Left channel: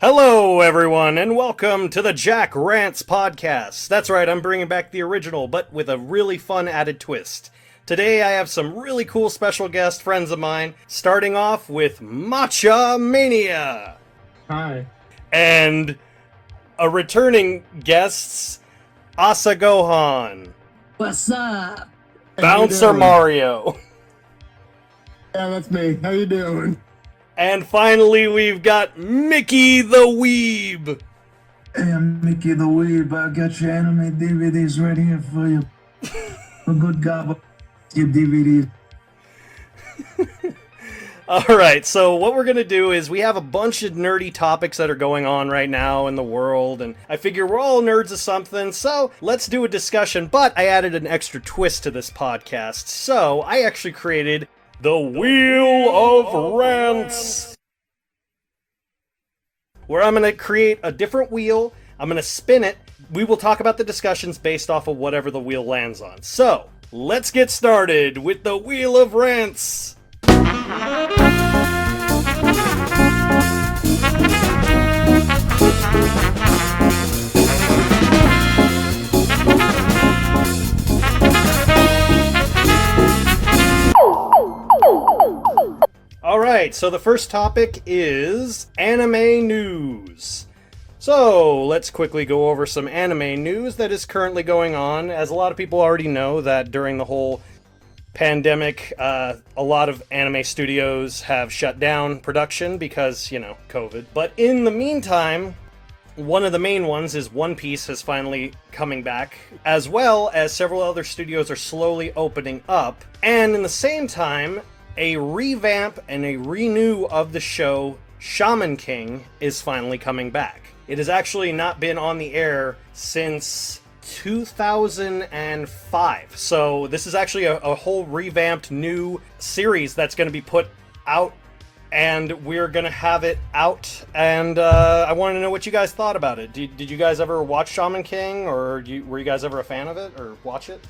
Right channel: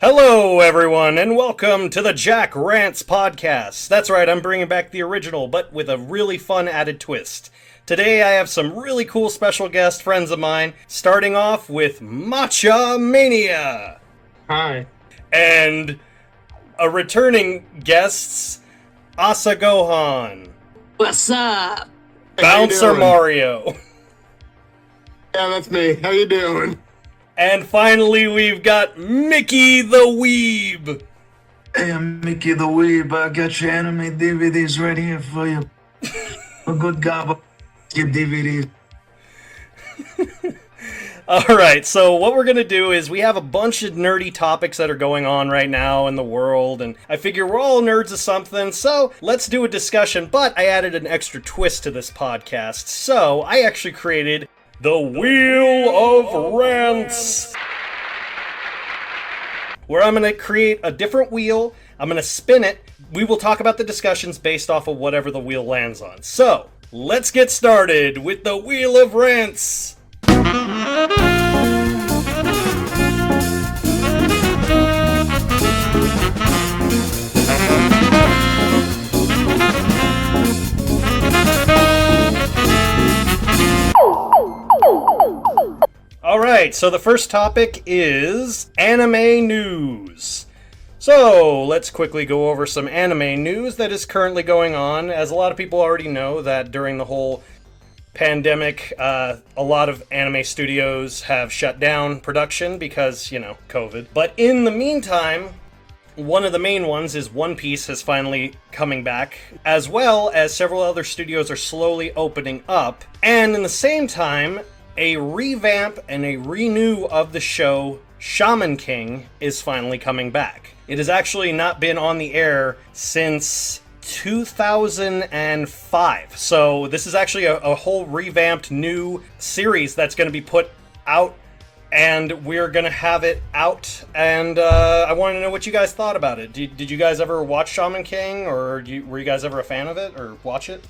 Hello, everyone, and welcome to the Jack Rants Podcast. That's right, I'm bringing back the original, but with a really fun added twist. Today, I have some really cool special guest friends of mine, starting off with Matcha Mania. Hi. And a returning guest, Asa Gohan. What's up? Bouncer Mario. Yeah, that's me. How you doing? And finally, we've got Mickey the Weeb. Hey, I'm Mickey the Weeb. I got your anime DVDs right here for you. A good gobble. Your DVDs. Alright, so what we're going to do is we have a bunch of nerdy topics that are going on right now in the world, and I figure we're all nerds of something, so let's do a discussion, but I added an extra twist to this podcast, so I actually created the Wheel of Rants, where I'm going to create a different wheel, I'm going to spin it, we will talk about the discussions based off of whatever the wheel lands on. So, let's get started with the Wheel of Rants! Alright, so the first topic is anime news. So, let's quickly go over some anime news that is currently going on. As a lot of people already know that during the whole pandemic, a lot of anime studios have shut down production because, COVID. But in the meantime, one of the main ones is One Piece is finally coming back, as well as several other studios are slowly opening up. And in the same time, a revamp and a renew of the show Shaman King is finally coming back. It has actually not been on the air since 2005. So this is actually a whole revamped new series that's going to be put out, and we're going to have it out, and I want to know what you guys thought about it. Did you guys ever watch Shaman King, or were you guys ever a fan of it, or watch it?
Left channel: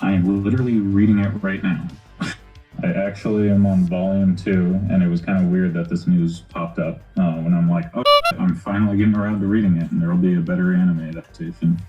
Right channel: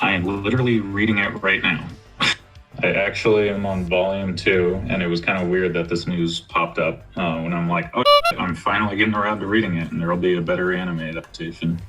I am literally reading it right now. I actually am on volume 2, and it was kind of weird that this news popped up when I'm like, oh, I'm finally getting around to reading it, and there'll be a better anime adaptation.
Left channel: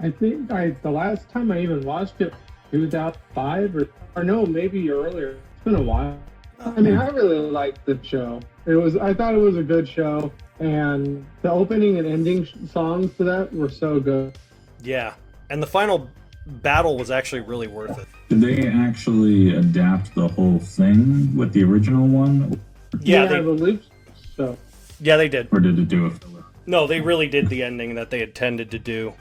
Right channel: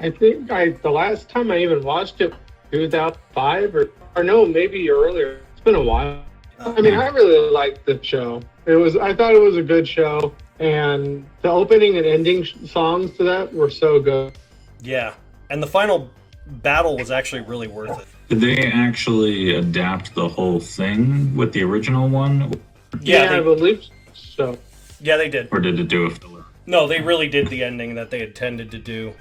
I think the last time I even watched it, 2005 or no, maybe earlier. It's been a while. I mean, I really liked the show. I thought it was a good show, and the opening and ending songs to that were so good. Yeah, and the final battle was actually really worth it. Did they actually adapt the whole thing with the original one? Yeah, I believe so. Yeah, they did. Or did it do a filler? No, they really did the ending that they intended to do.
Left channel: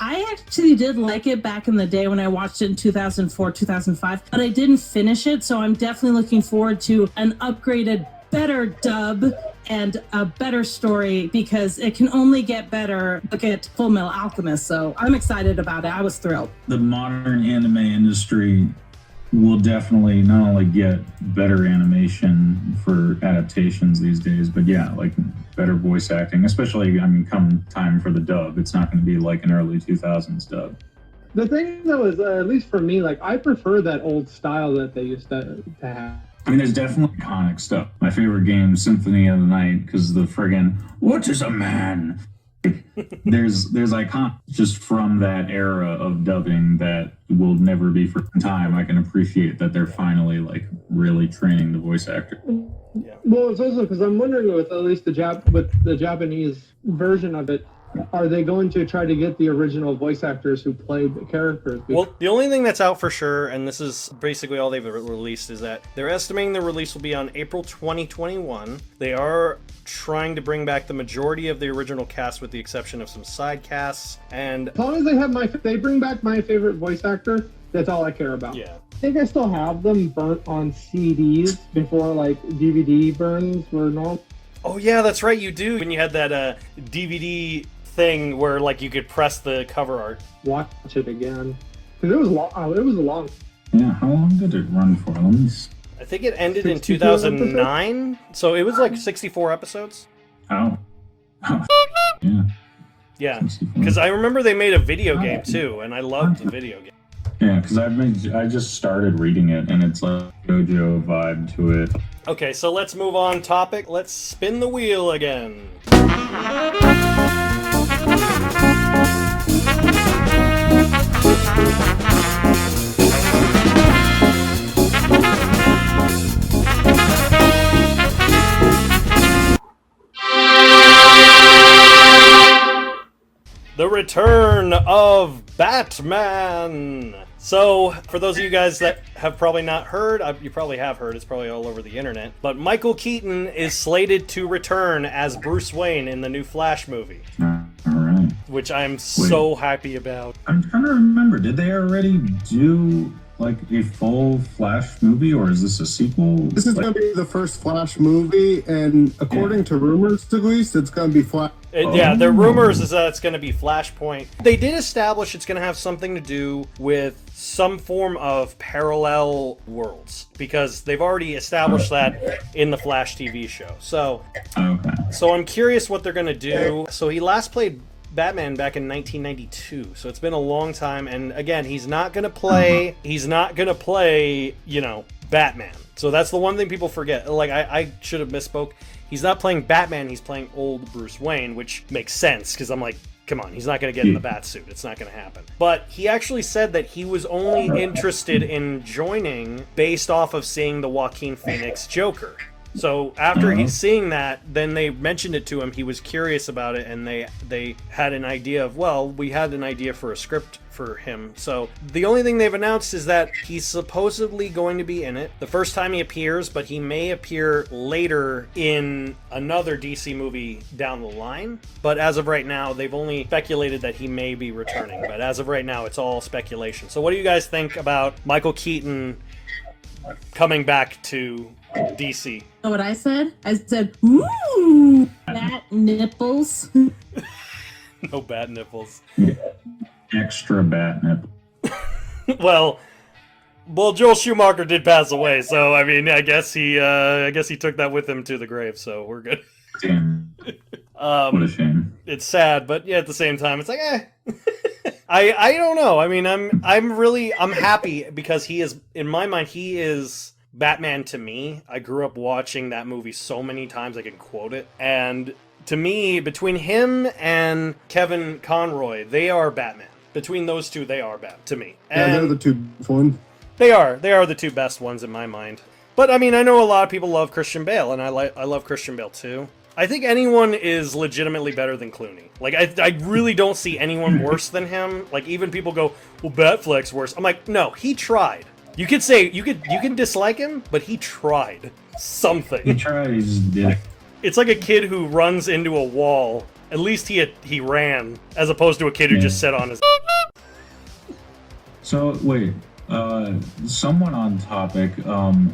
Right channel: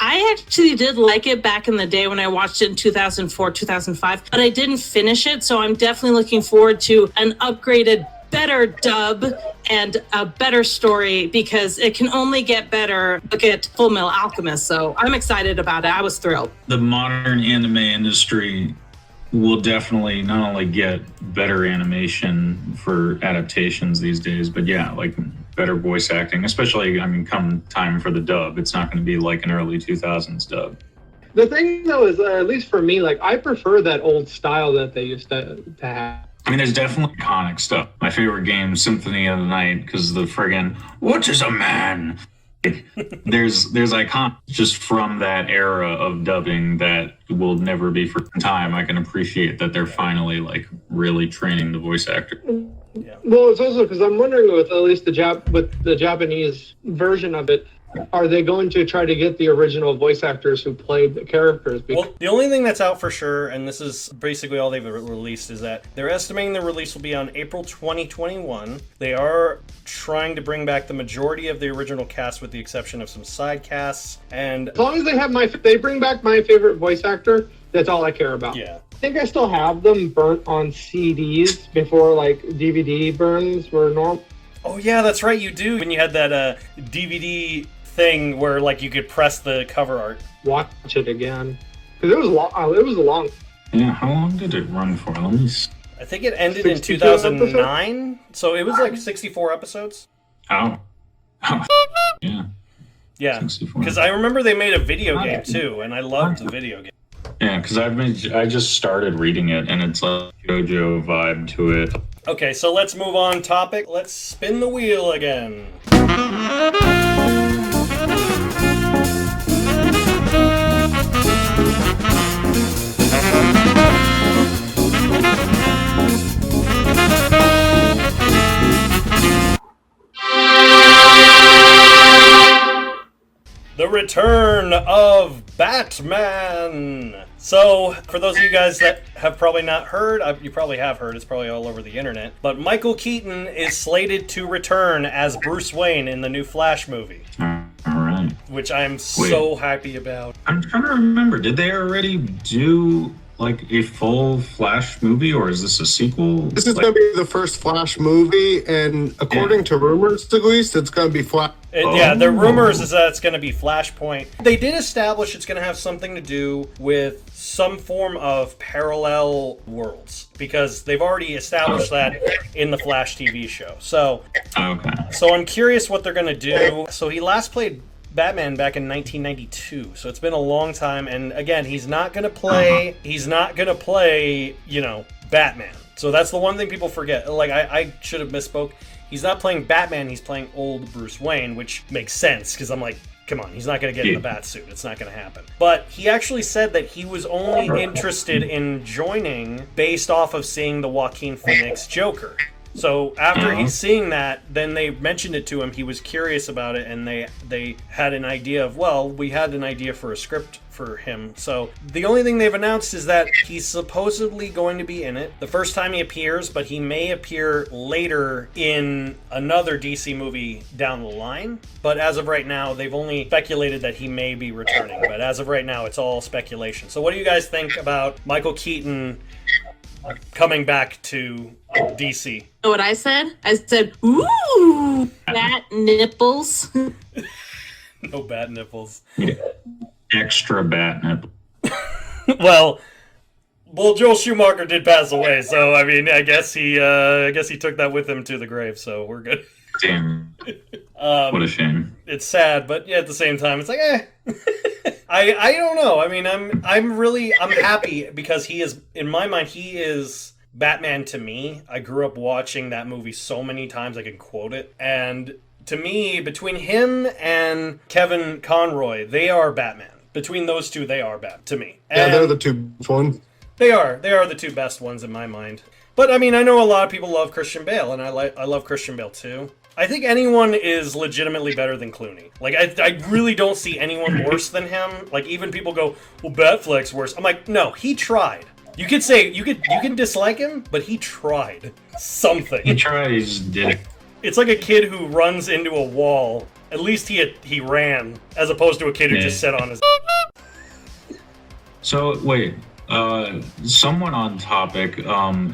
I actually did like it back in the day when I watched it in 2004, 2005, but I didn't finish it, so I'm definitely looking forward to an upgraded, better dub and a better story, because it can only get better. Look at Full Metal Alchemist, so I'm excited about it. I was thrilled. The modern anime industry will definitely not only get better animation for adaptations these days, but yeah, like better voice acting, especially, come time for the dub, it's not going to be like an early 2000s dub. The thing though is, at least for me, like I prefer that old style that they used to have. There's definitely iconic stuff. My favorite game, Symphony of the Night, because the friggin' what is a man? there's iconic just from that era of dubbing that will never be forgotten time. I can appreciate that they're finally like really training the voice actor. Yeah. Well, it's also because I'm wondering with at least the Japanese version of it, are they going to try to get the original voice actors who played the characters? Well, the only thing that's out for sure, and this is basically all they've released, is that they're estimating the release will be on April 2021. They are trying to bring back the majority of the original cast with the exception of some side casts. And as long as they bring back my favorite voice actor, that's all I care about. Yeah. I think I still have them burnt on CDs before like DVD burns were normal. Oh yeah, that's right, you do. When you had that DVD thing where like you could press the cover art. Watch it again, because it was long. It was long. Yeah, how long did it run for? Let me see. I think it ended in 2009, so it was like 64 episodes. Oh. Yeah, because I remember they made a video game too, and I loved the video game. Yeah, because I just started reading it, and it's like JoJo vibe to it. Okay, so let's move on topic. Let's spin the wheel again. The return of Batman! So, for those of you guys that have probably not heard, you probably have heard, it's probably all over the internet, but Michael Keaton is slated to return as Bruce Wayne in the new Flash movie. Alright. Which I'm so happy about. I'm trying to remember, did they already do like a full Flash movie, or is this a sequel? This is going to be the first Flash movie, and according to rumors, at least, it's going to be Flash. Yeah, the rumors is that it's going to be Flashpoint. They did establish it's going to have something to do with some form of parallel worlds, because they've already established that in the Flash TV show. So I'm curious what they're going to do. So he last played Batman back in 1992, so it's been a long time, and again, he's not gonna play, you know, Batman. So that's the one thing people forget. Like, I should have misspoke. He's not playing Batman, he's playing old Bruce Wayne, which makes sense, because I'm like, come on, he's not gonna get in the bat suit. It's not gonna happen. But he actually said that he was only interested in joining based off of seeing the Joaquin Phoenix Joker. So after he's seeing that, then they mentioned it to him. He was curious about it, and they had an idea of, well, we had an idea for a script for him. So the only thing they've announced is that he's supposedly going to be in it the first time he appears, but he may appear later in another DC movie down the line. But as of right now, they've only speculated that he may be returning. But as of right now, it's all speculation. So what do you guys think about Michael Keaton coming back to DC? You know what I said? I said, ooh, bat nipples. No bat nipples. Extra bat nipple. Well, Joel Schumacher did pass away, so I mean, I guess he took that with him to the grave, so we're good. Damn. What a shame. It's sad, but yeah, at the same time, it's like, I don't know. I mean, I'm happy because he is, in my mind, he is Batman to me. I grew up watching that movie so many times I can quote it, and to me, between him and Kevin Conroy, they are Batman. Between those two, they are Batman to me. And yeah, they're the two best ones. They are the two best ones in my mind. But I mean, I know a lot of people love Christian Bale, and I love Christian Bale too. I think anyone is legitimately better than Clooney. Like, I really don't see anyone worse than him. Like, even people go, well, Batfleck's worse. I'm like, no, he tried. You could say, you can dislike him, but he tried something. He tried, he just did it. It's like a kid who runs into a wall. At least he ran, as opposed to a kid who just sat on his... So, wait. Somewhat on topic.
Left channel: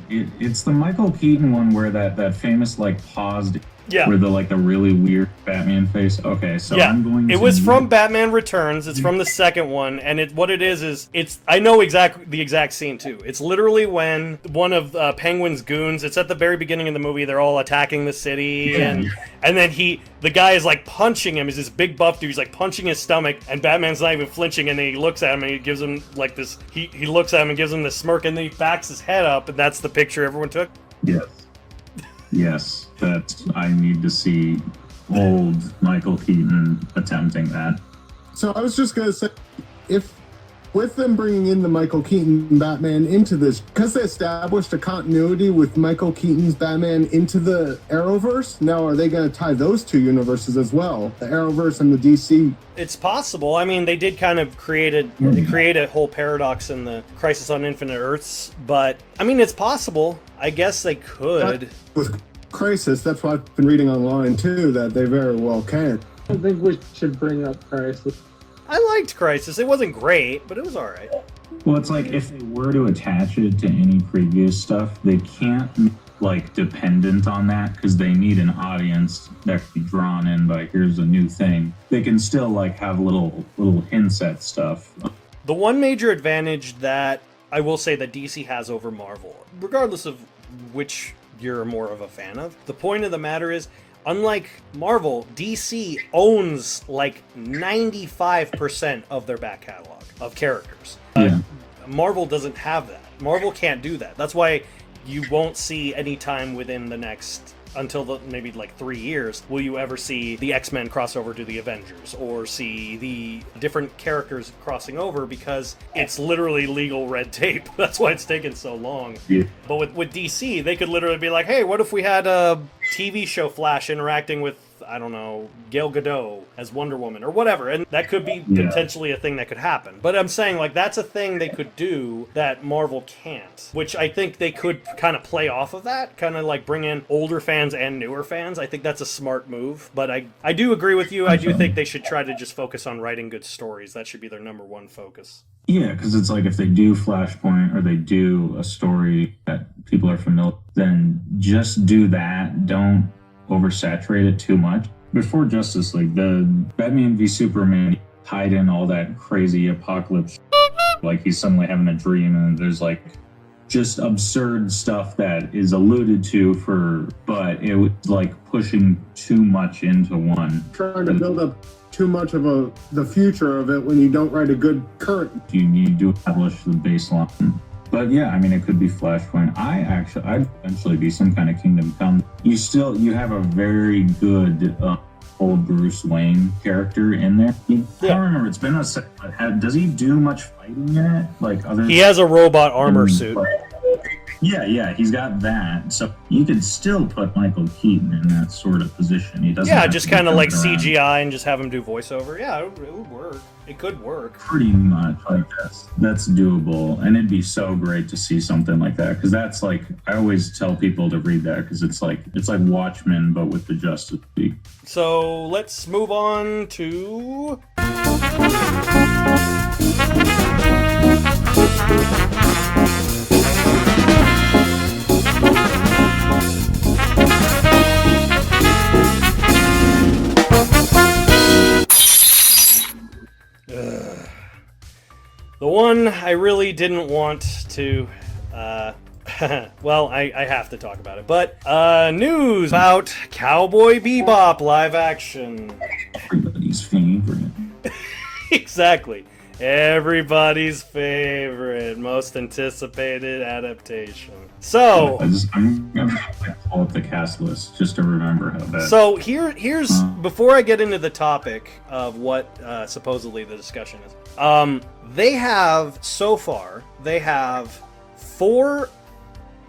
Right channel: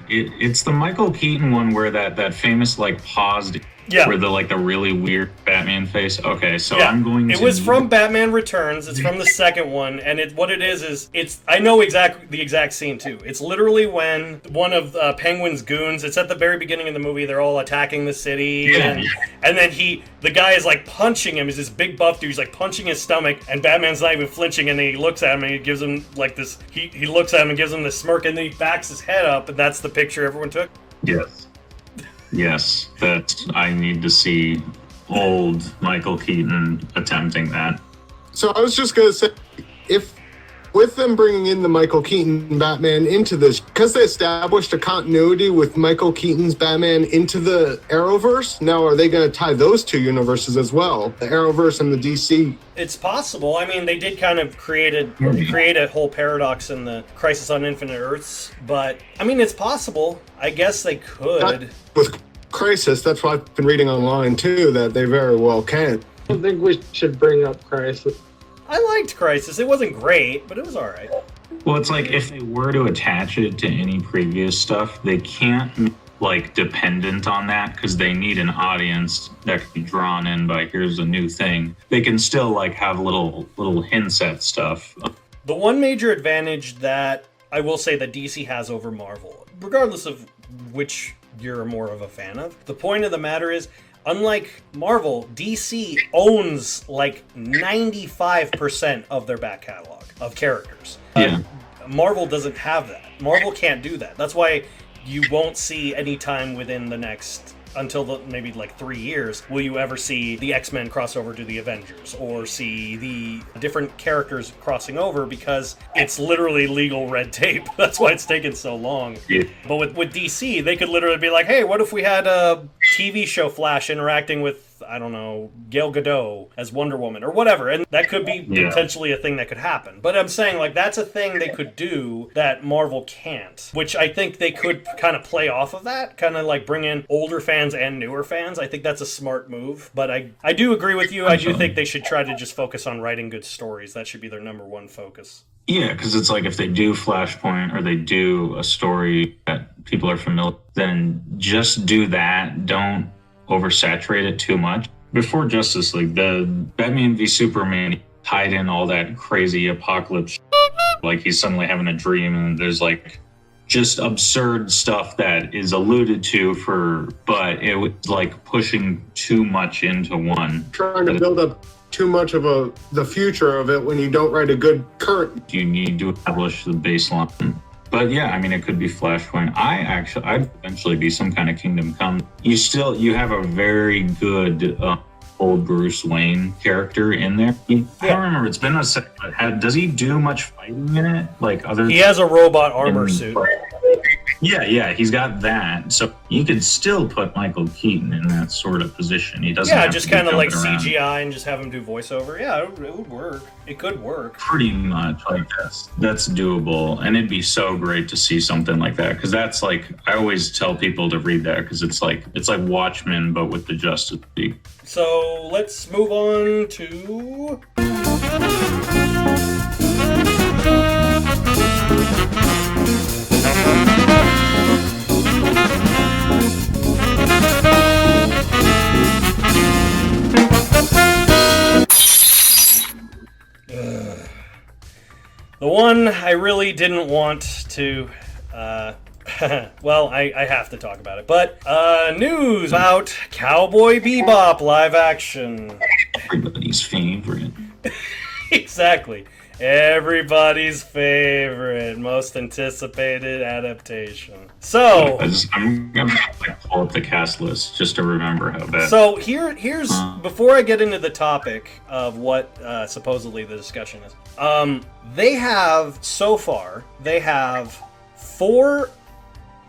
It's the Michael Keaton one where that famous, like, paused... Yeah. Where the really weird Batman face. Okay, so yeah. I'm going to... It was from Batman Returns. It's from the second one, and what it is it's... I know the exact scene too. It's literally when one of Penguin's goons. It's at the very beginning of the movie. They're all attacking the city, and then the guy is like punching him. He's this big buff dude. He's like punching his stomach, and Batman's not even flinching. And then he looks at him and he gives him like this. He looks at him and gives him this smirk, and then he backs his head up, and that's the picture everyone took. Yes, that I need to see old Michael Keaton attempting that. So I was just going to say, if with them bringing in the Michael Keaton Batman into this, because they established a continuity with Michael Keaton's Batman into the Arrowverse, now are they going to tie those two universes as well, the Arrowverse and the DC? It's possible. I mean, they did kind of create a whole paradox in the Crisis on Infinite Earths, but I mean, it's possible. I guess they could. With Crisis, that's what I've been reading online too, that they very well can. I don't think we should bring up Crisis. I liked Crisis. It wasn't great, but it was alright. Well, it's like if they were to attach it to any previous stuff, they can't dependent on that because they need an audience that can be drawn in by here's a new thing. They can still have little hints at stuff. The one major advantage that I will say that DC has over Marvel, regardless of which you're more of a fan of, the point of the matter is, unlike Marvel, DC owns 95% of their back catalog of characters. Marvel doesn't have that. Marvel can't do that. That's why you won't see any time within the next, until maybe like 3 years, will you ever see the X-Men cross over to the Avengers or see the different characters crossing over, because it's literally legal red tape. That's why it's taken so long. Yeah. But with DC, they could literally be like, hey, what if we had a TV show Flash interacting with, I don't know, Gal Gadot as Wonder Woman or whatever, and that could be potentially a thing that could happen. But I'm saying, like, that's a thing they could do that Marvel can't, which I think they could kind of play off of that, kind of like bring in older fans and newer fans. I think that's a smart move, but I do agree with you. I do think they should try to just focus on writing good stories. That should be their number one focus. Yeah, because it's like if they do Flashpoint or they do a story that people are familiar, then just do that. Don't oversaturate it too much. Before Justice League, the Batman v Superman tied in all that crazy apocalypse, like he's suddenly having a dream and there's like just absurd stuff that is alluded to but it was like pushing too much into one. Trying to build up too much of the future of it when you don't write a good current. You need to establish the baseline. But yeah, I mean, it could be Flashpoint. I'd eventually be some kind of Kingdom Come. You have a very good old Bruce Wayne character in there. I don't remember. It's been a second. Does he do much fighting in it? Like other? He has a robot armor suit. Yeah, he's got that. So you could still put Michael Keaton in that sort of position. He doesn't. Yeah, just kind of like CGI and just have him do voiceover. Yeah, it would work. It could work. Pretty much, like that's doable, and it'd be so great to see something like that, because that's like, I always tell people to read that because it's like Watchmen but with the Justice League. So let's move on to. The one I really didn't want to, well, I have to talk about it, but news about Cowboy Bebop live action. Everybody's favorite. Exactly. Everybody's favorite, most anticipated adaptation. So I'm gonna pull up the cast list just to remember how bad. So here's before I get into the topic of what supposedly the discussion is. They have 4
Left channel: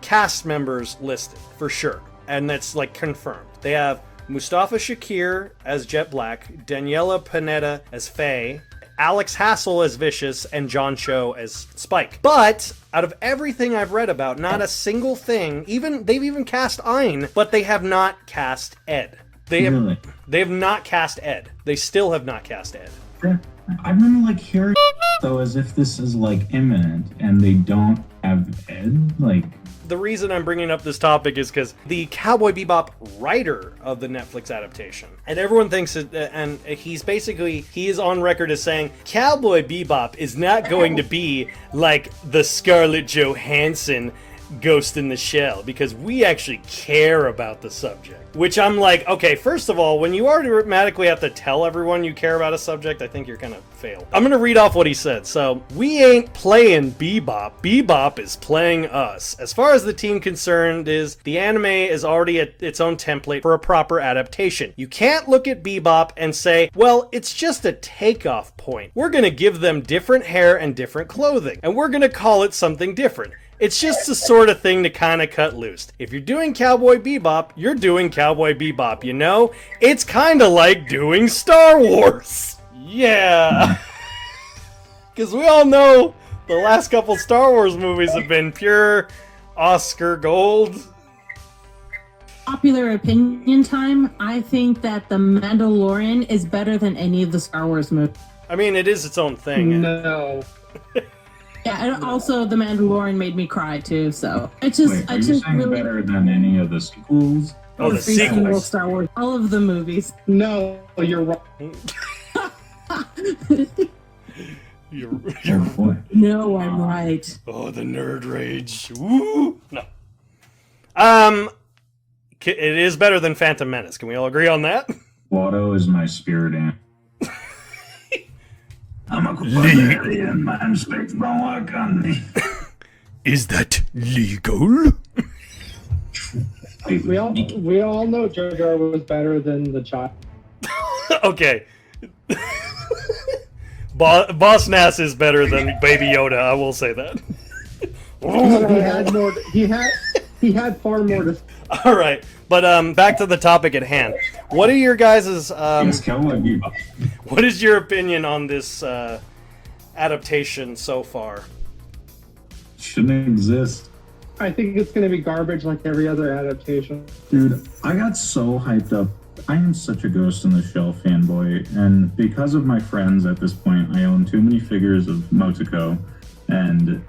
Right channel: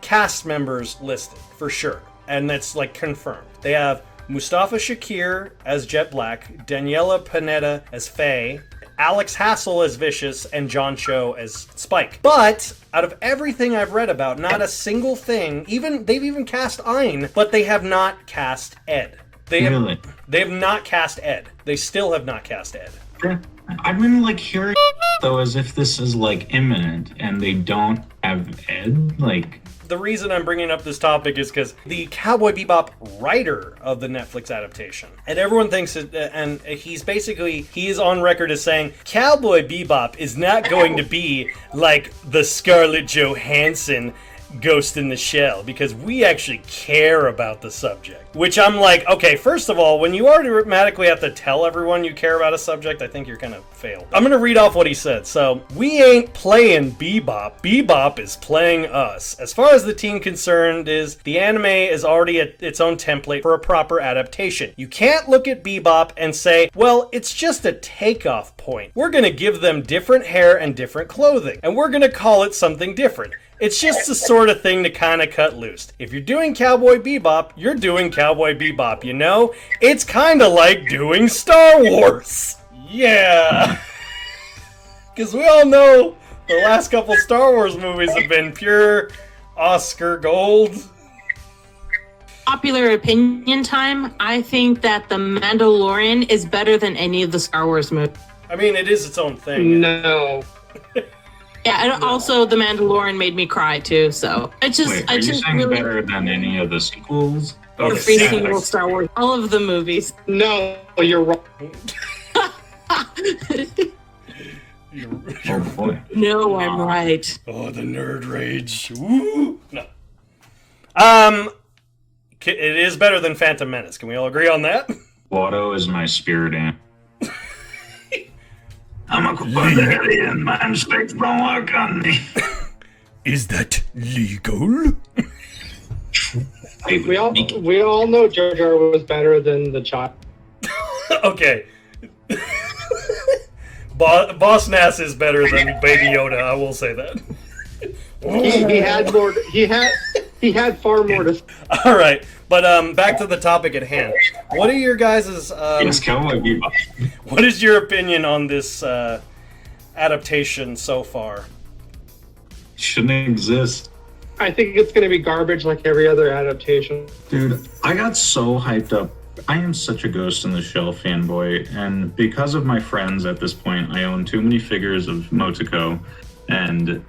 cast members listed for sure, and that's like confirmed. They have Mustafa Shakir as Jet Black, Daniela Pineda as Faye, Alex Hassel as Vicious, and John Cho as Spike. But out of everything I've read about, not a single thing, they've even cast Ein, but they have not cast Ed. They have not cast Ed. They still have not cast Ed. I'm really like hearing though as if this is like imminent and they don't have Ed. Like, the reason I'm bringing up this topic is because the Cowboy Bebop writer of the Netflix adaptation, and everyone thinks that, and he is on record as saying Cowboy Bebop is not going to be like the Scarlett Johansson Ghost in the Shell, because we actually care about the subject. Which I'm like, okay, first of all, when you automatically have to tell everyone you care about a subject, I think you're gonna fail. I'm gonna read off what he said. So, we ain't playing Bebop. Bebop is playing us. As far as the team concerned is, the anime is already its own template for a proper adaptation. You can't look at Bebop and say, well, it's just a takeoff point. We're gonna give them different hair and different clothing, and we're gonna call it something different. It's just the sort of thing to kind of cut loose. If you're doing Cowboy Bebop, you're doing Cowboy Bebop, you know? It's kind of like doing Star Wars. Yeah. Because we all know the last couple Star Wars movies have been pure Oscar gold. Popular opinion time, I think that The Mandalorian is better than any of the Star Wars movies. I mean, it is its own thing. No. Yeah, and also The Mandalorian made me cry too, so are you saying better than any of the sequels? Oh, the every single sequels. Star Wars, all of the movies. No, you're wrong. No, I'm right. Oh, the nerd rage. Woo! No. It is better than Phantom Menace. Can we all agree on that? Watto is my spirit animal. I'm a alien man, straight from Wakanda. Is that legal? We all know Jar Jar was better than the child. Okay. Boss Nass is better than Baby Yoda, I will say that. He had more. He had far more to. All right, but back to the topic at hand. What are your guys' It's Cowboy Bebop. what is your opinion on this adaptation so far? Shouldn't exist. I think it's going to be garbage like every other adaptation. Dude, I got so hyped up. I am such a Ghost in the Shell fanboy, and because of my friends at this point, I own too many figures of Motoko, and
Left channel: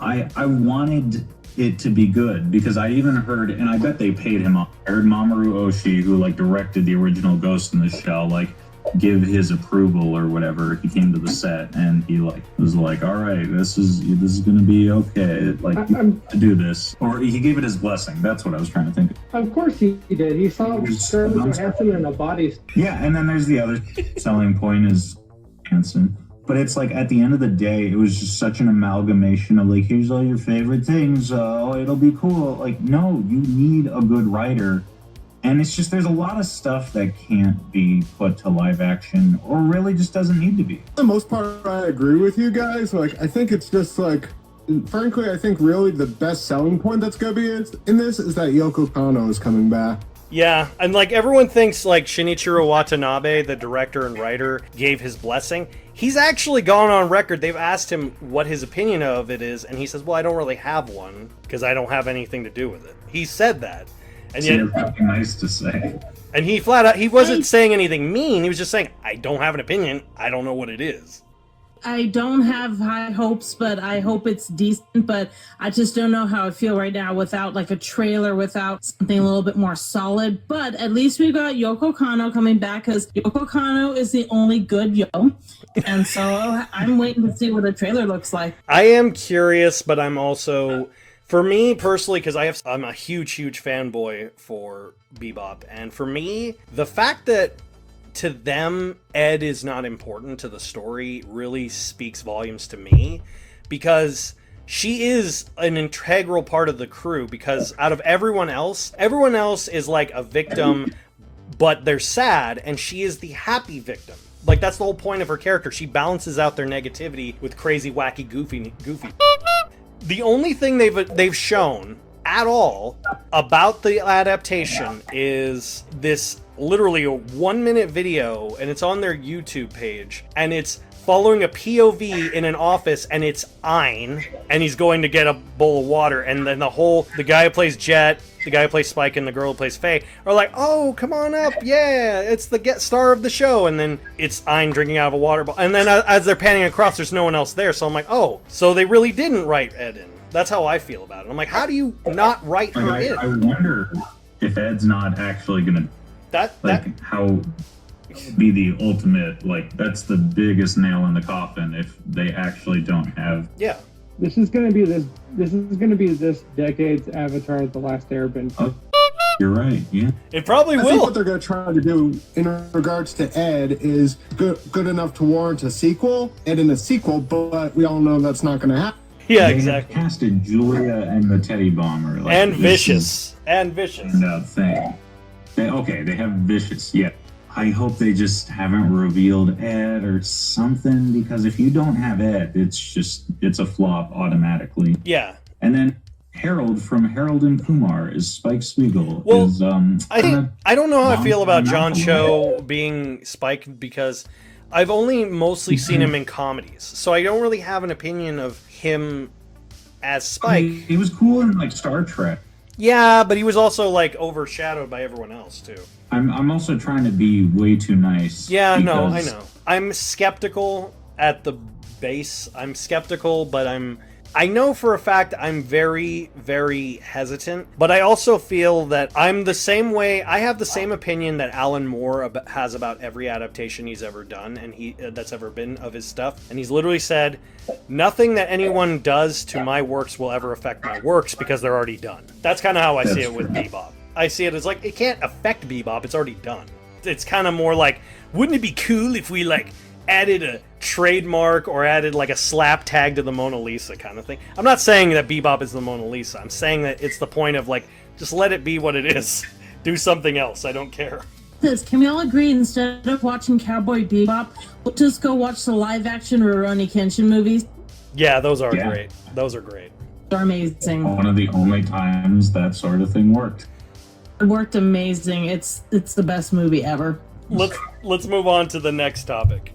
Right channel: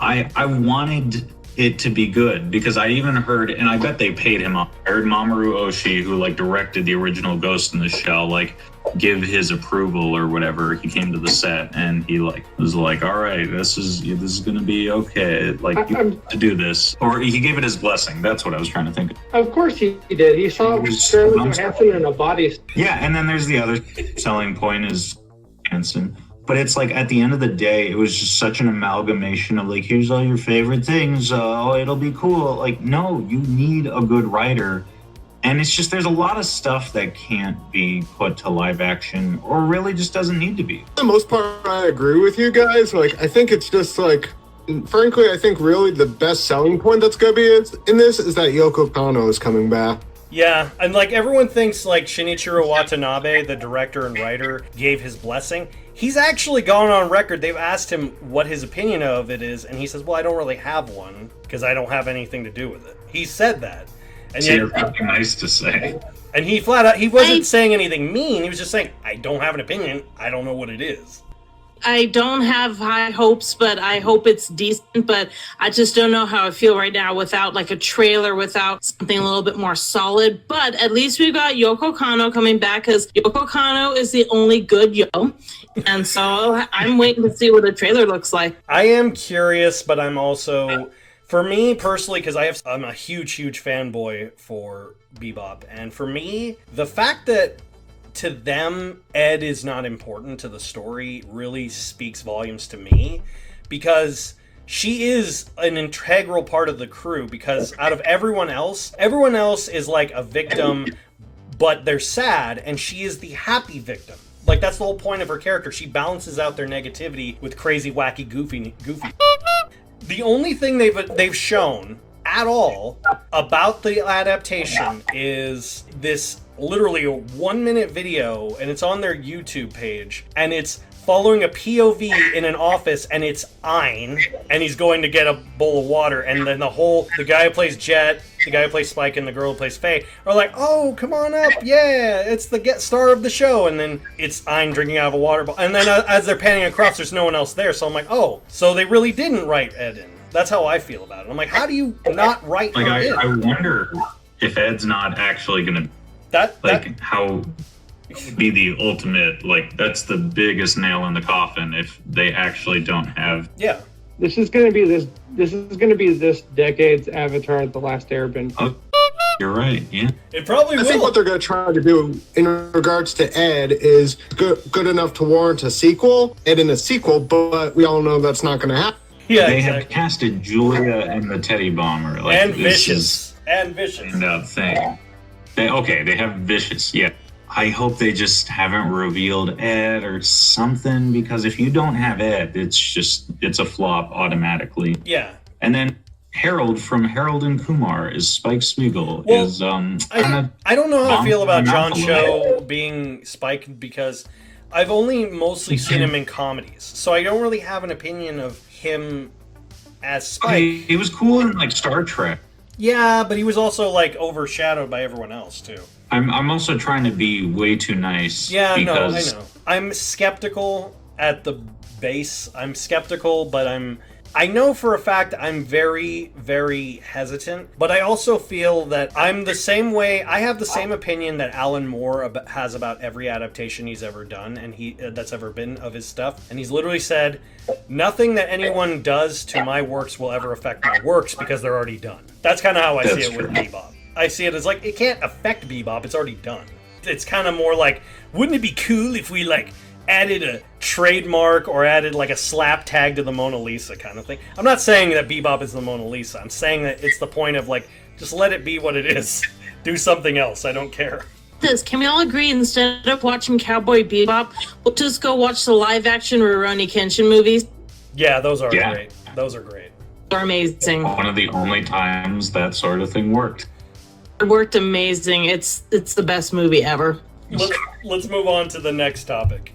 I wanted it to be good because I even heard, and I bet they paid him up. I heard Mamoru Oshii, who like directed the original Ghost in the Shell, like give his approval or whatever. He came to the set and he like was like, all right, this is gonna be okay, like to do this, or he gave it his blessing. That's what I was trying to think of. Of course he did. He saw Scarlett Johansson in a body. Yeah, and then there's the other selling point is Hanson. But it's like at the end of the day, it was just such an amalgamation of like, here's all your favorite things. Oh, it'll be cool. Like, no, you need a good writer. And it's just, there's a lot of stuff that can't be put to live action or really just doesn't need to be. For the most part, I agree with you guys. Like, I think it's just like, frankly, I think really the best selling point that's going to be in this is that Yoko Kanno is coming back. Yeah, and like everyone thinks like Shinichiro Watanabe, the director and writer, gave his blessing. He's actually gone on record. They've asked him what his opinion of it is, and he says, well, I don't really have one because I don't have anything to do with it. He said that. And So yet, you're probably nice to say. and he flat out, he wasn't saying anything mean. He was just saying, I don't have an opinion. I don't know what it is. I don't have high hopes, but I hope it's decent. But I just don't know how I feel right now without like a trailer, without something a little bit more solid. But at least we've got Yoko Kanno coming back because Yoko Kanno is the only good Yo. And so I'm waiting to see what the trailer looks like. I am curious, but I'm also, for me personally, because I'm a huge fanboy for Bebop. And for me, the fact that to them, Ed is not important to the story really speaks volumes to me, because she is an integral part of the crew, because out of everyone else is like a victim, but they're sad, and she is the happy victim. Like, that's the whole point of her character. She balances out their negativity with crazy, wacky, goofy. The only thing they've shown at all about the adaptation is this literally a 1-minute video, and it's on their YouTube page, and it's following a POV in an office, and it's Ein, and he's going to get a bowl of water, and then the guy who plays Jet, the guy who plays Spike, and the girl who plays Faye are like, oh, come on up, yeah, it's the guest star of the show, and then it's Ein drinking out of a water bottle, and then as they're panning across, there's no one else there, so I'm like, oh, so they really didn't write Ed in. That's how I feel about it. I'm like, how do you not write her in? I wonder if Ed's not actually gonna how be the ultimate, like, that's the biggest nail in the coffin if they actually don't have. Yeah. This is going to be this decade's Avatar: The Last Airbender. You're right, yeah. It probably I will. think what they're going to try to do in regards to Ed is good enough to warrant a sequel, and in a sequel, but we all know that's not going to happen. Yeah, they exactly. have casted Julia and the Teddy Bomber. Like, And this Vicious. And is Vicious. a standout thing. They have Vicious, yeah. I hope they just haven't revealed Ed or something, because if you don't have Ed, it's a flop automatically. Yeah. And then Harold from Harold and Kumar is Spike Spiegel. Well, is I don't know how I feel about John Malcolm Cho being Spike, because I've only mostly seen him in comedies, so I don't really have an opinion of him as Spike. He was cool in like Star Trek. Yeah, but he was also like overshadowed by everyone else too. I'm also trying to be way too nice. Yeah, no, I because- know. I'm skeptical at the base. I'm skeptical, but I know for a fact I'm very, very hesitant, but I also feel that I'm the same way. I have the same opinion that Alan Moore has about every adaptation he's ever done, and that's ever been of his stuff. And he's literally said, nothing that anyone does to my works will ever affect my works because they're already done. That's kind of how I see it with Bebop. I see it as like, it can't affect Bebop, it's already done. It's kind of more like, wouldn't it be cool if we like added a trademark or added like a slap tag to the Mona Lisa kind of thing. I'm not saying that Bebop is the Mona Lisa. I'm saying that it's the point of like, just let it be what it is. Do something else. I don't care. Can we all agree instead of watching Cowboy Bebop, we'll just go watch the live action Rurouni Kenshin movies? Yeah, those are great. Those are great. They're amazing. One of the only times that sort of thing worked. It worked amazing. It's the best movie ever. Let's move on to the next topic.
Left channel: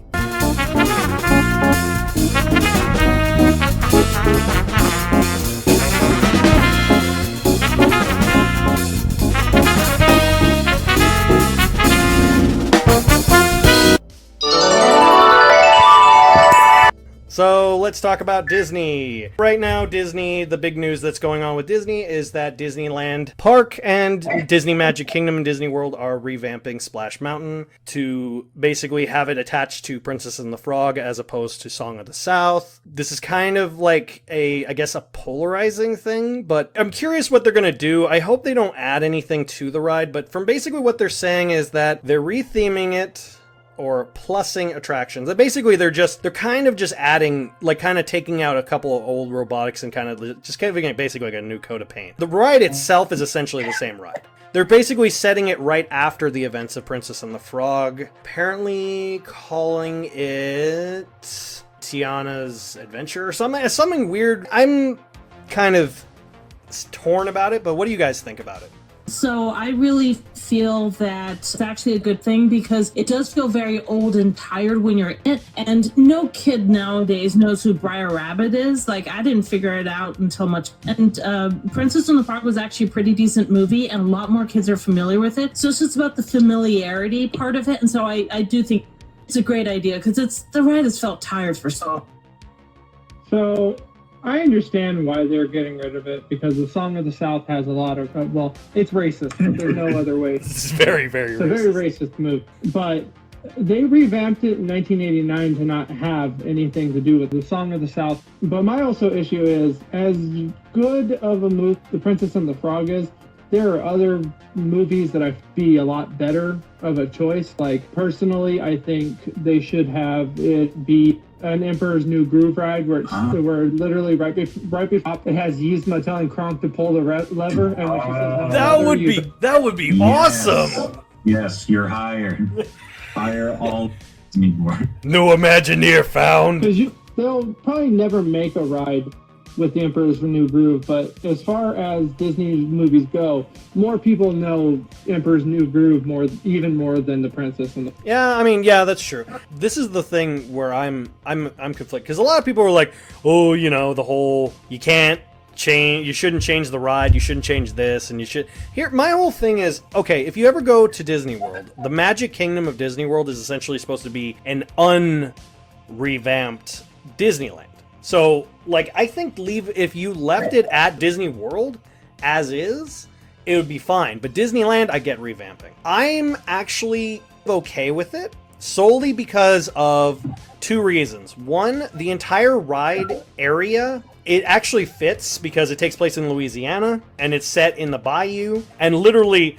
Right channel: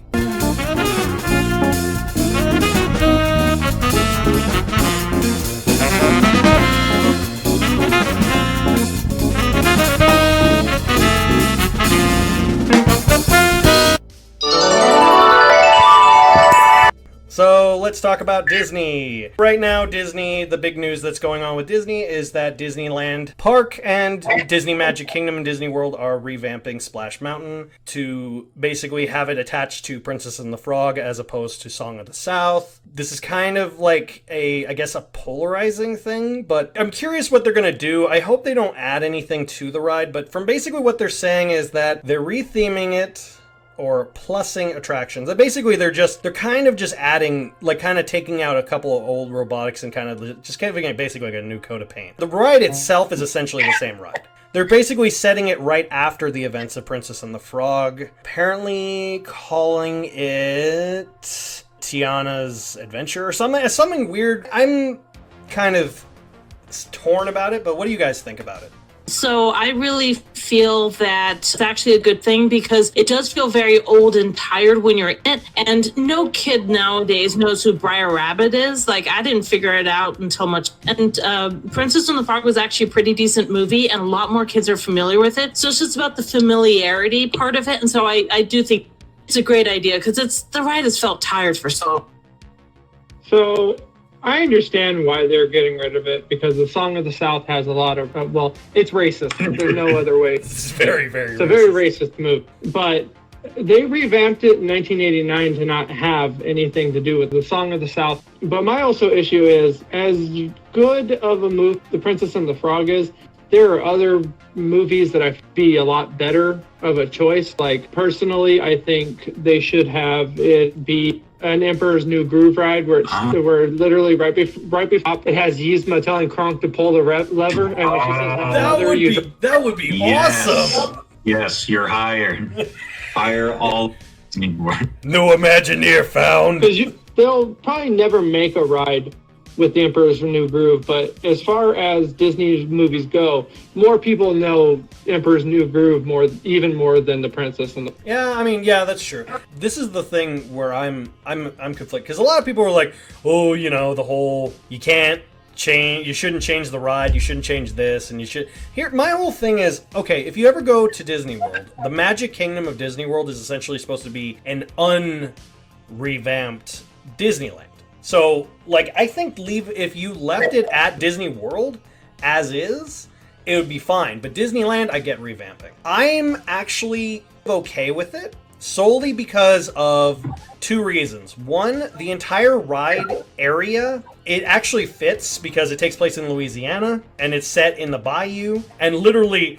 So let's talk about Disney. Right now, Disney, the big news that's going on with Disney is that Disneyland Park and Disney Magic Kingdom and Disney World are revamping Splash Mountain to basically have it attached to Princess and the Frog as opposed to Song of the South. This is kind of like I guess a polarizing thing, but I'm curious what they're going to do. I hope they don't add anything to the ride, but from basically what they're saying is that they're retheming it or plussing attractions. Basically, they're kind of just adding, like kind of taking out a couple of old robotics and kind of just giving it basically like a new coat of paint. The ride itself is essentially the same ride. They're basically setting it right after the events of Princess and the Frog, apparently calling it Tiana's Adventure or something weird. I'm kind of torn about it, but what do you guys think about it? So I really feel that it's actually a good thing because it does feel very old and tired when you're in it. And no kid nowadays knows who Briar Rabbit is. Like, I didn't figure it out until much. And Princess and the Frog was actually a pretty decent movie, and a lot more kids are familiar with it. So it's just about the familiarity part of it. And so I do think it's a great idea because the ride has felt tired for so. So I understand why they're getting rid of it because the Song of the South has a lot of, it's racist. There's no other way. It's very, very It's racist. a very racist move. But they revamped it in 1989 to not have anything to do with the Song of the South. But my also issue is, as good of a move The Princess and the Frog is, there are other movies that I be a lot better of a choice. Like, personally, I think they should have it be an Emperor's New Groove ride where literally right before it has Yzma telling Kronk to pull the lever, and when she says that would be awesome. Yes, you're hired. Hire all. No Imagineer found. Because they'll probably never make a ride with the Emperor's New Groove, but as far as Disney movies go, more people know Emperor's New Groove even more than the Princess and the... Yeah, that's true. This is the thing where I'm conflicted, because a lot of people are like, oh, the whole, you shouldn't change the ride, you shouldn't change this, and you should... Here, my whole thing is, okay, if you ever go to Disney World, the Magic Kingdom of Disney World is essentially supposed to be an unrevamped Disneyland. So, like, I think if you left it at Disney World as is, it would be fine. But Disneyland, I get revamping. I'm actually okay with it, solely because of two reasons. One, the entire ride area, it actually fits because it takes place in Louisiana, and it's set in the bayou, and literally,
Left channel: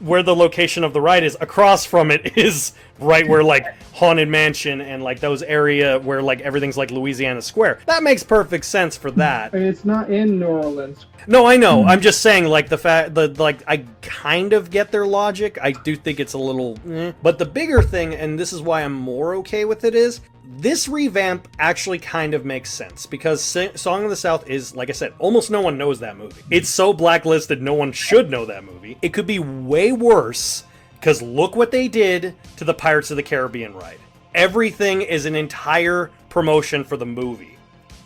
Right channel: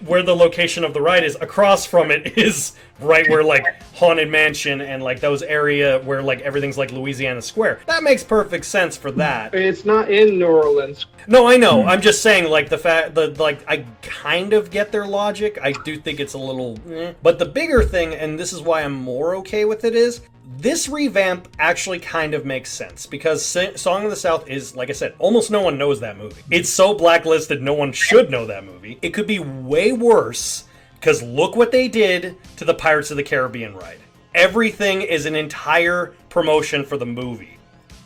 where the location of the ride is, across from it is right where like Haunted Mansion and like those area where like everything's like Louisiana Square. That makes perfect sense for that. It's not in New Orleans. No, I know. I'm just saying, like, I kind of get their logic. I do think it's a little But the bigger thing, and this is why I'm more okay with it, is this revamp actually kind of makes sense because Song of the South is, like I said, almost no one knows that movie. It's so blacklisted, no one should know that movie. It could be way worse because look what they did to the Pirates of the Caribbean ride. Everything is an entire promotion for the movie.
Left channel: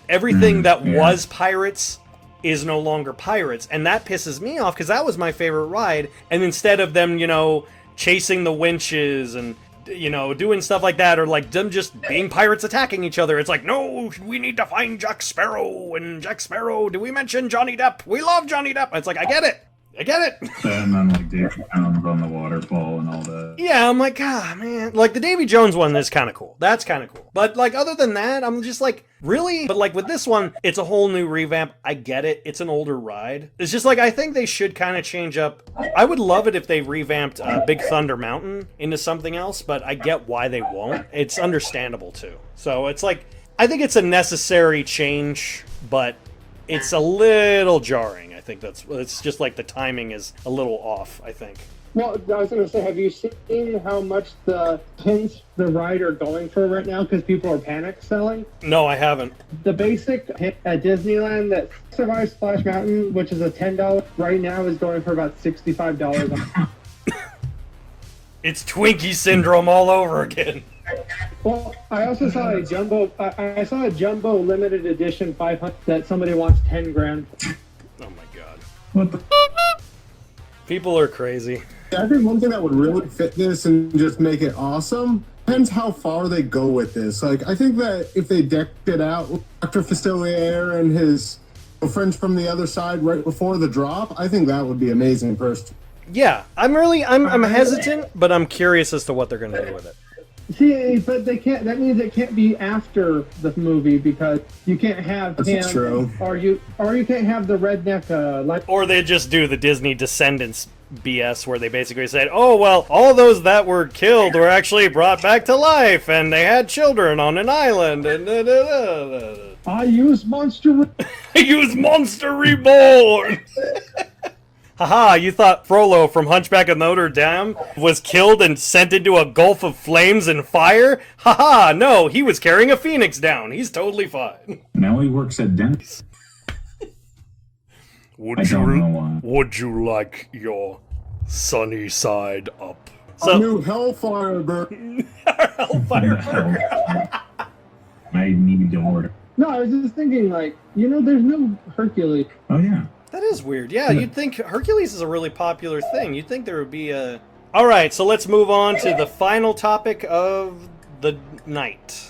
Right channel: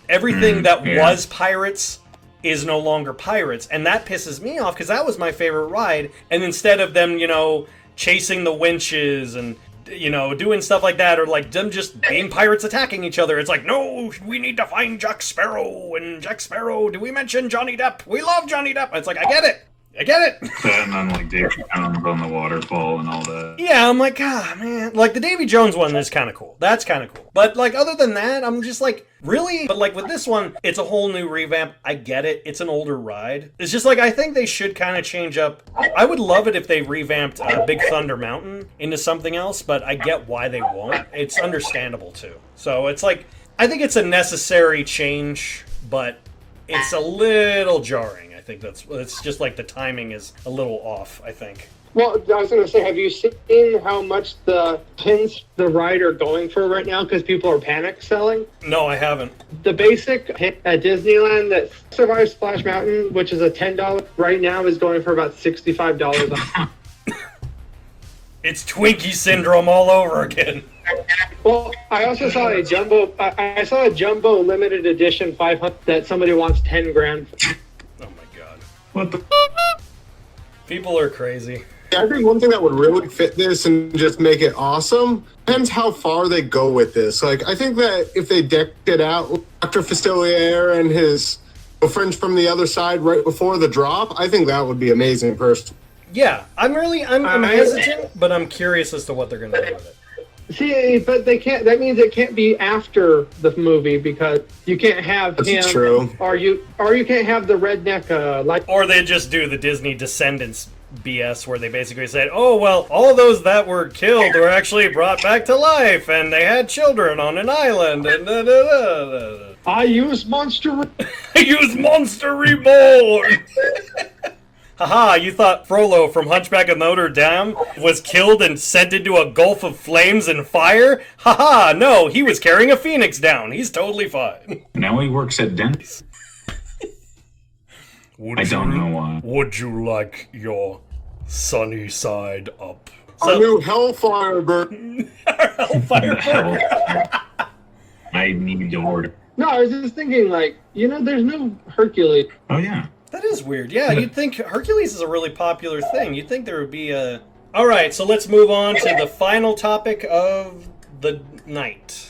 Everything that was Pirates is no longer Pirates, and that pisses me off because that was my favorite ride, and instead of them, chasing the winches and doing stuff like that, or like them just being pirates attacking each other. It's like, no, we need to find Jack Sparrow. And Jack Sparrow, do we mention Johnny Depp? We love Johnny Depp. It's like, I get it. And then like David Jones on the waterfall and all that. Yeah, I'm like, ah, man. Like, the Davy Jones one is kind of cool. That's kind of cool. But, like, other than that, I'm just like, really? But, like, with this one, it's a whole new revamp. I get it. It's an older ride. It's just, like, I think they should kind of change up. I would love it if they revamped Big Thunder Mountain into something else, but I get why they won't. It's understandable, too. So, it's like, I think it's a necessary change, but it's a little jarring. I think it's just, like, the timing is a little off, I think. Well, I was going to say, have you seen how much the pins the ride are going for right now? Because people are panic selling. No, I haven't. The basic hit at Disneyland that survives Splash Mountain, which is a $10 right now, is going for about $65. It's Twinkie syndrome all over again. Well, I also saw a jumbo. I saw a jumbo limited edition 500 that somebody wants 10 grand. Oh my god! What the? People are crazy. I think one thing that would really fit this and just make it awesome depends how far they go with this. Like, I think that if they decked it out with Dr. Fistilier and his friends from the other side right before the drop, I think that would be amazing first. Yeah, I'm hesitant, but I'm curious as to what they're going to do with it. See, but they can't. That means it can't be after the movie because you can't have That's him. true. Or you can't have the redneck like. Or they just do the Disney Descendants BS where they basically said, oh, well, all those that were killed were actually brought back to life, and they had children on an island, and I use Monster. I use Monster Reborn! Haha, you thought Frollo from Hunchback of Notre Dame was killed and sent into a gulf of flames and fire? Haha, no, he was carrying a phoenix down. He's totally fine. Now he works at Dent's. I don't know why. Would you like your sunny side up? A new Hellfire Burger. Hellfire Burger. I need to order. No, I was just thinking, like, there's no Hercules. Oh, yeah. That is weird. Yeah, you'd think Hercules is a really popular thing. You'd think there would be a... Alright, so let's move on to the final topic of the night.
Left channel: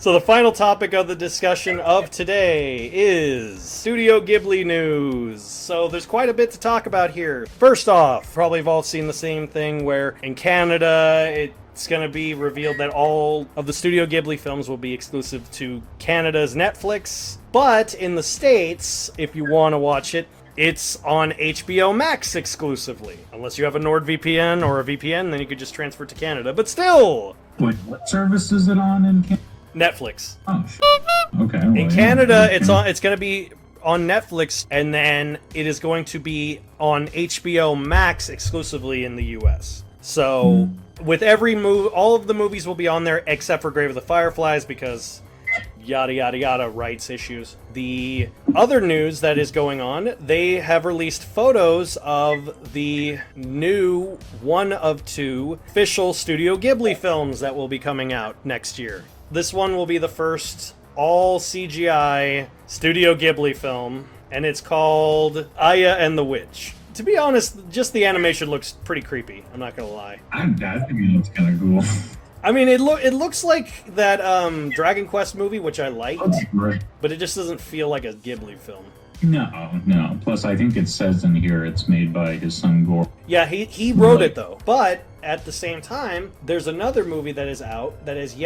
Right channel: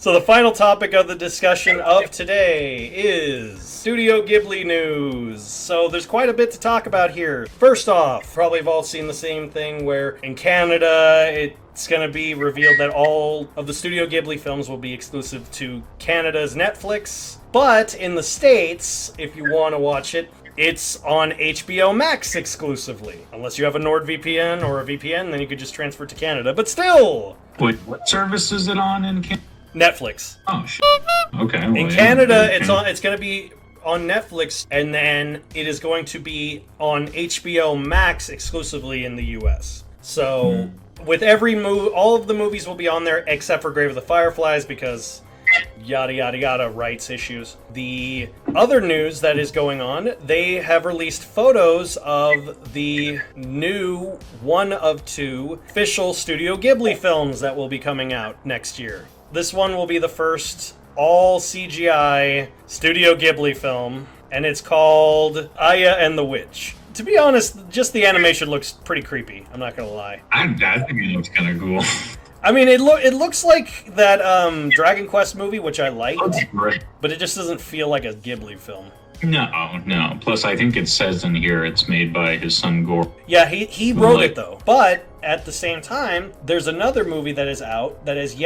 So the final topic of the discussion of today is Studio Ghibli news. So there's quite a bit to talk about here. First off, probably have all seen the same thing where in Canada it's going to be revealed that all of the Studio Ghibli films will be exclusive to Canada's Netflix. But in the States, if you want to watch it, it's on HBO MAX exclusively. Unless you have a NordVPN or a VPN, then you could just transfer it to Canada. But still! Wait, what service is it on in Canada? Netflix. Oh, okay. In Canada, it's going to be on Netflix, and then it is going to be on HBO Max exclusively in the U.S. So, with every movie, all of the movies will be on there except for Grave of the Fireflies because yada yada yada rights issues. The other news that is going on, they have released photos of the new one of two official Studio Ghibli films that will be coming out next year. This one will be the first all CGI Studio Ghibli film, and it's called Aya and the Witch. To be honest, just the animation looks pretty creepy, I'm not gonna lie. I think it looks kind of cool. I mean, it looks like that Dragon Quest movie, which I liked, Right. but it just doesn't feel like a Ghibli film. No. Plus, I think it says in here it's made by his son Gore. Yeah, he wrote it though. But at the same time, there's another movie that is out that is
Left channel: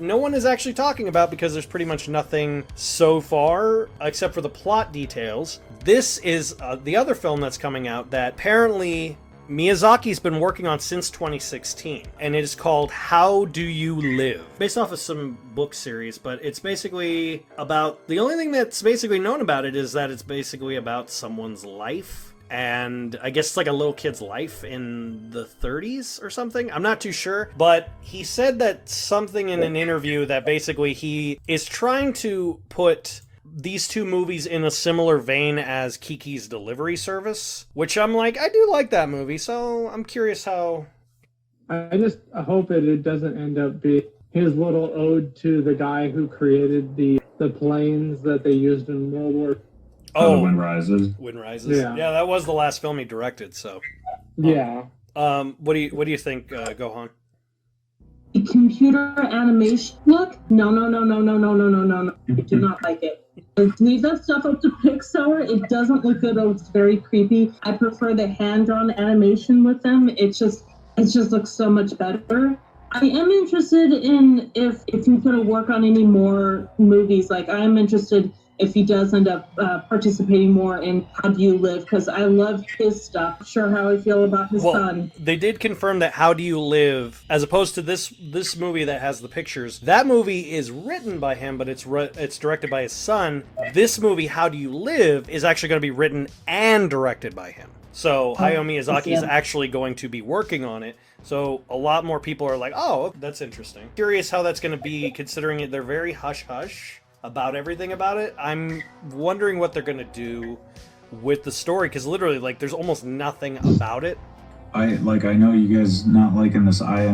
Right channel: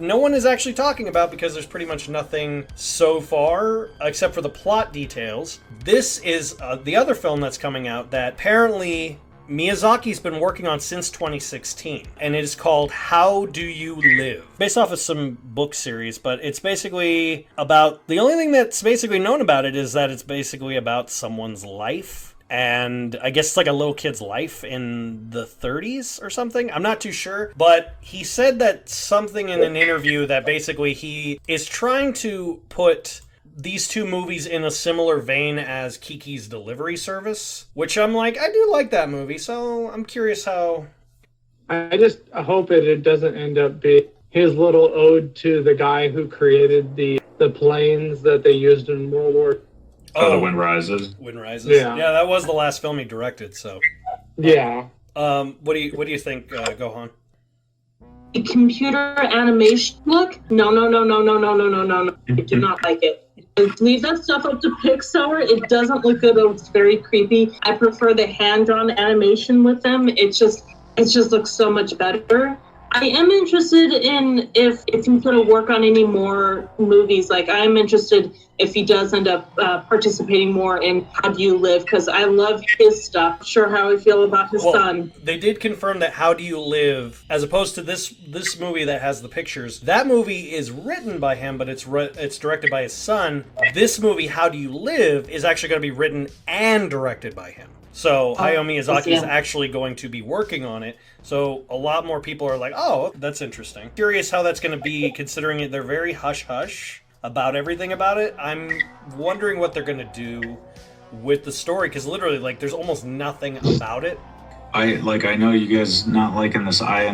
no one is actually talking about because there's pretty much nothing so far except for the plot details. This is the other film that's coming out that apparently Miyazaki's been working on since 2016, and it is called How Do You Live? Based off of some book series, but it's basically about... The only thing that's basically known about it is that it's basically about someone's life, and I guess it's like a little kid's life in the 30s or something. I'm not too sure, but he said that something in an interview that basically he is trying to put these two movies in a similar vein as Kiki's Delivery Service, which I'm like, I do like that movie, so I'm curious how... I just hope it doesn't end up being his little ode to the guy who created the planes that they used in World War. Oh, Wind Rises. Wind Rises. Yeah. Yeah, that was the last film he directed, so... Yeah. What do you think, Gohan? computer animation look, no. I do not like it. Leave that stuff up to Pixar. It doesn't look good. It's very creepy. I prefer the hand-drawn animation with them. It just looks so much better. I am interested in if he's going to work on any more movies. Like, I'm interested if he does end up participating more in How Do You Live, because I love his stuff. Not sure how I feel about his son. They did confirm that How Do You Live, as opposed to this movie that has the pictures, that movie is written by him, but it's directed by his son. This movie, How Do You Live, is actually going to be written and directed by him. So Hayao Miyazaki is actually going to be working on it. So a lot more people are like, oh, that's interesting. Curious how that's going to be, considering they're very hush-hush about everything about it. I'm wondering what they're going to do with the story, because literally, like, there's almost nothing about it. I know you guys not liking this I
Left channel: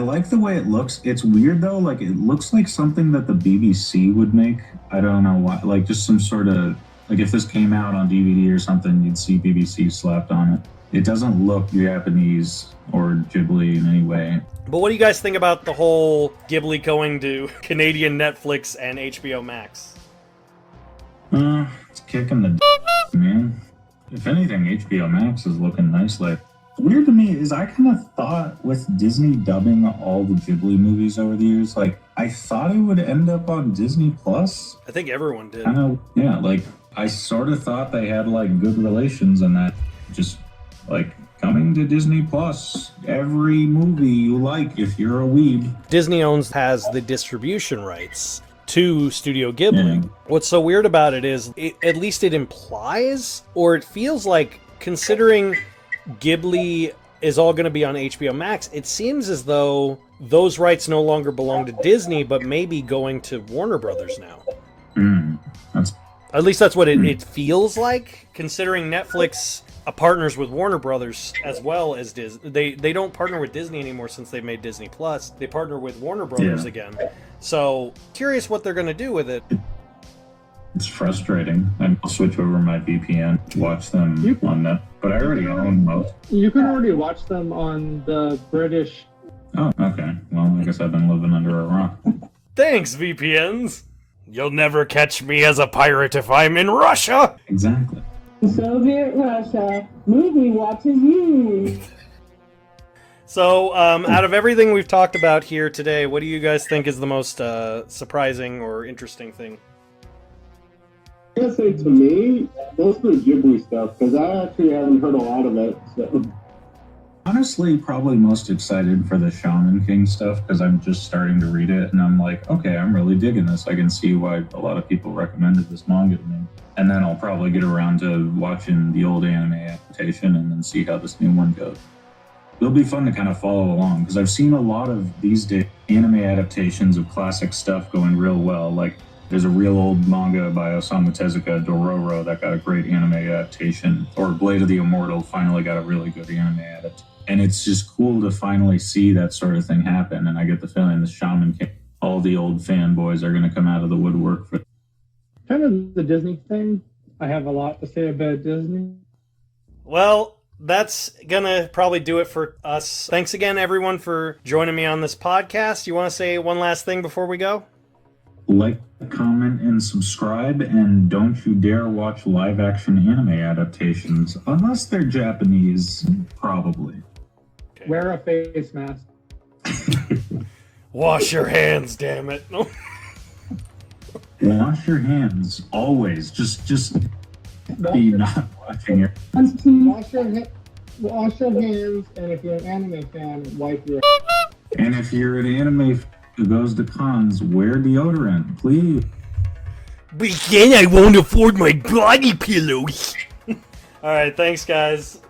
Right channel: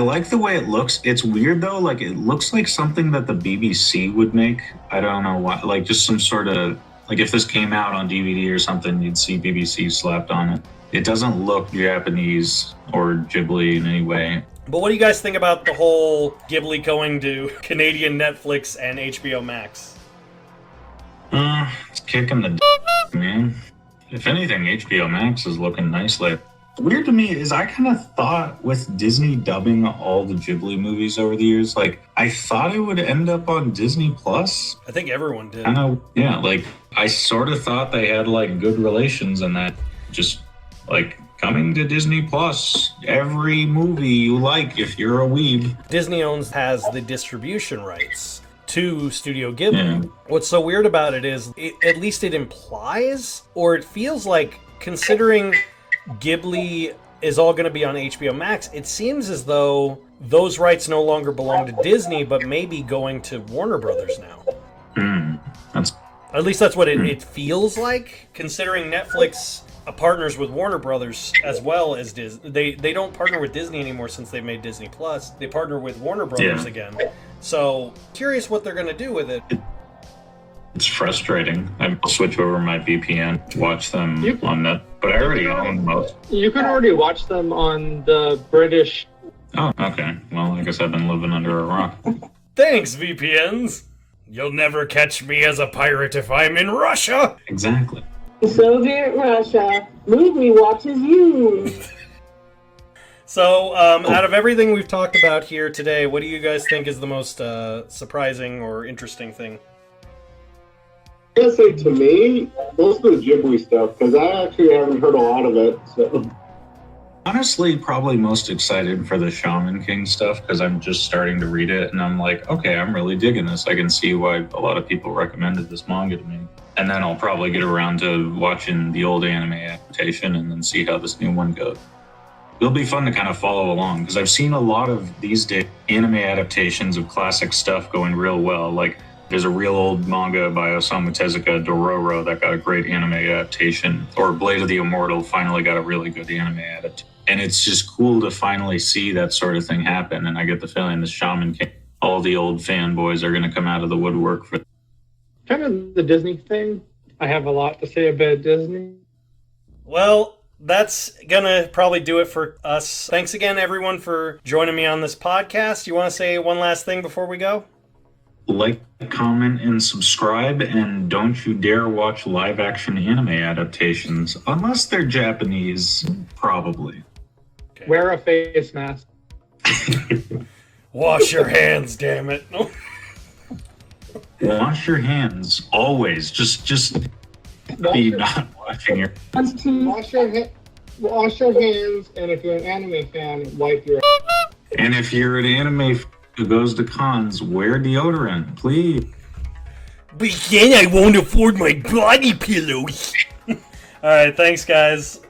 like the way it looks. It's weird though, like it looks like something that the BBC would make. I don't know why, like just some sort of, like if this came out on DVD or something, you'd see BBC slapped on it. It doesn't look Japanese or Ghibli in any way. But what do you guys think about the whole Ghibli going to Canadian Netflix and HBO MAX? It's kicking the man. If anything, HBO MAX is looking nicely. Weird to me is I kind of thought with Disney dubbing all the Ghibli movies over the years, like I thought it would end up on Disney Plus. I think everyone did. Yeah, like I sort of thought they had like good relations and that just like coming to Disney Plus, every movie you like if you're a weeb. Disney has the distribution rights to Studio Ghibli. Yeah. What's so weird about it is, at least it implies, or it feels like, considering Ghibli is all going to be on HBO Max, it seems as though those rights no longer belong to Disney, but maybe going to Warner Brothers now. At least that's what it feels like, considering Netflix partners with Warner Brothers as well as Disney. They don't partner with Disney anymore since they made Disney Plus. They partner with Warner Brothers again. So, curious what they're going to do with it. It's frustrating. I'll switch over my VPN to watch them on that, but I already own most. You can already watch them on the British. Oh, okay. Well, I guess I've been living under a rock. Thanks, VPNs. You'll never catch me as a pirate if I'm in Russia. Exactly. Soviet Russia, movie watches you. So, out of everything we've talked about here today, what do you guys think is the most surprising or interesting thing? I gotta say, to me, most of the Ghibli stuff, because I actually haven't heard a lot of it. So. Honestly, probably most excited for the Shaman King stuff, because I'm just starting to read it, and I'm like, okay, I'm really digging this. I can see why a lot of people recommended this manga to me. And then I'll probably get around to watching the old anime adaptation and then see how this new one goes. It'll be fun to kind of follow along, because I've seen a lot of these days anime adaptations of classic stuff going real well. Like, there's a real old manga by Osamu Tezuka, Dororo, that got a great anime adaptation. Or Blade of the Immortal finally got a really good anime adaptation. And it's just cool to finally see that sort of thing happen. And I get the feeling the Shaman King, all the old fanboys are going to come out of the woodwork for Kind of the Disney thing. I have a lot to say about Disney. Well, that's gonna probably do it for us. Thanks again, everyone, for joining me on this podcast. You want to say one last thing before we go? like, comment, and subscribe, and don't you dare watch live-action anime adaptations, unless they're Japanese, probably. Okay. Wear a face mask. Wash your hands, damn it. No. Wash your hands, always. Just be not watching your... Wash your hands, and if you're an anime fan, wipe your... And if you're an anime who goes to cons, wear deodorant, please. But then I won't afford my body pillows. Alright, thanks guys.